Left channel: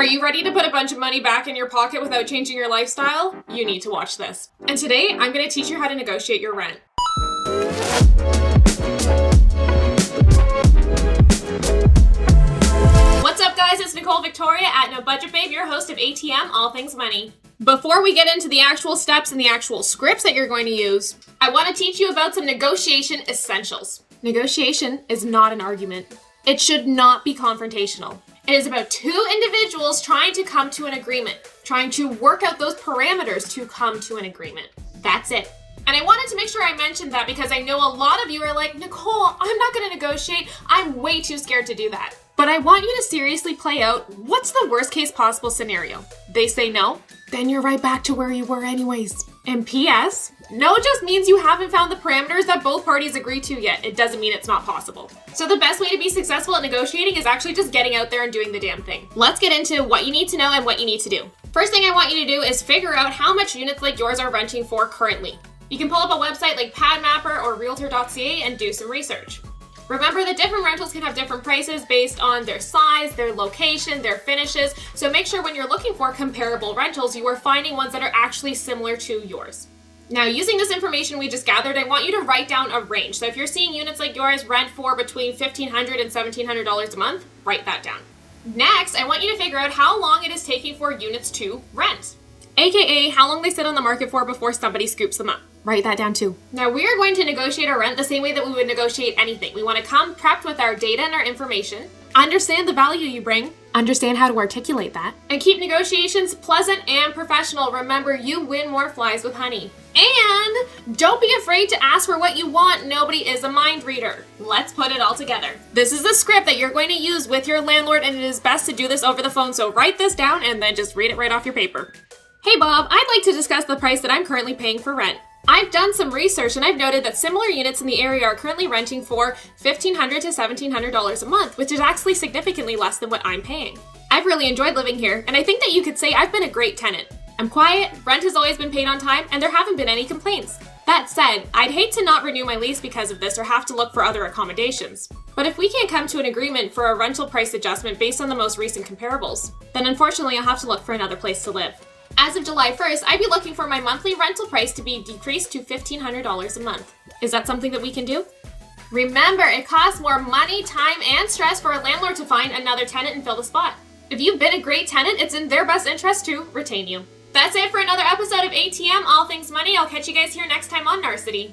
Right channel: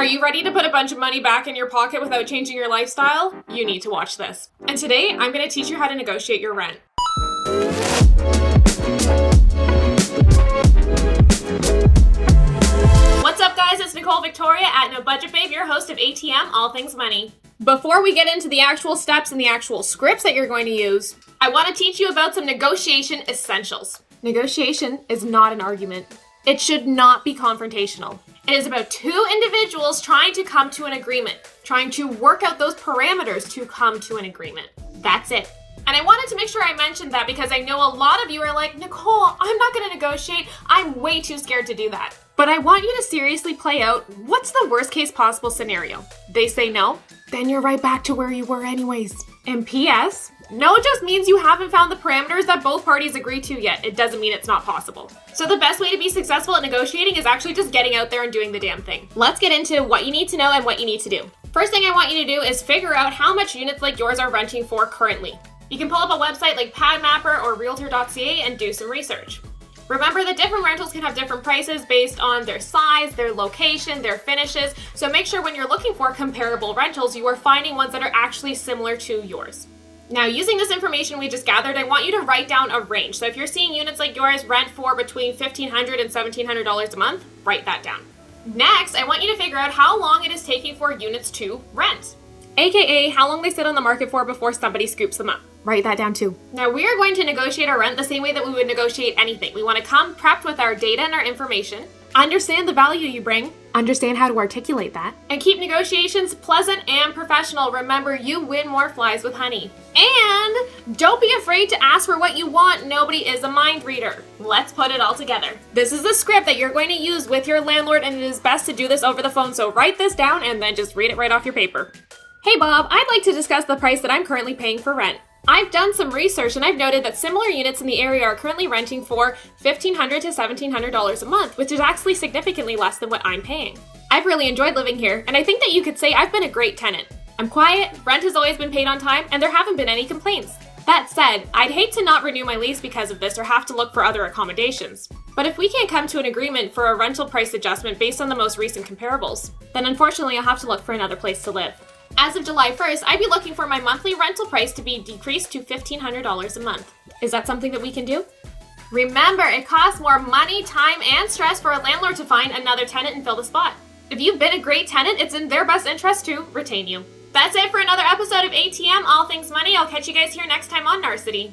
Are you ready to put a bunch of money back in your pocket without changing your lifestyle? You need to watch this. And today, I'm going to teach you how to negotiate your rent. What's up, guys? It's Nicole Victoria at No Budget Babe, your host of ATM, All Things Money. Before we get into the actual steps and the actual scripts that you're going to use, I want to teach you about some negotiation essentials. Negotiation is not an argument. It should not be confrontational. It is about two individuals trying to come to an agreement, trying to work out those parameters to come to an agreement. That's it. And I wanted to make sure I mentioned that because I know a lot of you are like, Nicole, I'm not going to negotiate. I'm way too scared to do that. But I want you to seriously play out, what's the worst case possible scenario? They say no, then you're right back to where you were anyways. And P.S., no just means you haven't found the parameters that both parties agree to yet. It doesn't mean it's not possible. So the best way to be successful at negotiating is actually just getting out there and doing the damn thing. Let's get into what you need to know and what you need to do. First thing I want you to do is figure out how much units like yours are renting for currently. You can pull up a website like PadMapper or Realtor.ca and do some research. Remember that different rentals can have different prices based on their size, their location, their finishes, so make sure when you're looking for comparable rentals, you are finding ones that are actually similar to yours. Now, using this information we just gathered, I want you to write down a range. So if you're seeing units like yours rent for between $1,500 and $1,700 a month, write that down. Next, I want you to figure out how long it is taking for units to rent, aka how long they sit on the market for before somebody scoops them up. Write that down too. Now, we are going to negotiate our rent the same way that we would negotiate anything. We want to come prepped with our data and our information, understand the value you bring, understand how to articulate that, and keep negotiations pleasant and professional. Remember, you win more flies with honey. And don't be afraid to ask for what you want. Nobody is a mind reader. Let's put it all together. This is the script that you're going to use with your landlord, and it is best to do this over the phone. So write this down and then just read it right off your paper. Hey Bob, I'd like to discuss the price that I'm currently paying for rent. I've done some research and I've noted that similar units in the area are currently renting for $1,500 to $1,700 a month, which is actually significantly less than what I'm paying. I've really enjoyed living here, and I think that you could say I've been a great tenant. I'm quiet, rent has always been paid on time, and there haven't been any complaints. That said, I'd hate to not renew my lease because of this or have to look for other accommodations. But if we can't come to an agreement for a rental price adjustment based on the most recent comparables, then unfortunately I'll have to look for another place to live. As of July 1st, I'd be looking for my monthly rental price to be decreased to $1,500 a month. Is that something that we can do? Remember, it costs more money, time, and stress for a landlord to find another tenant and fill the spot. If you've been a great tenant, it's in their best interest to retain you. That's it for another episode of ATM, All Things Money. I'll catch you guys here next time on Narcity.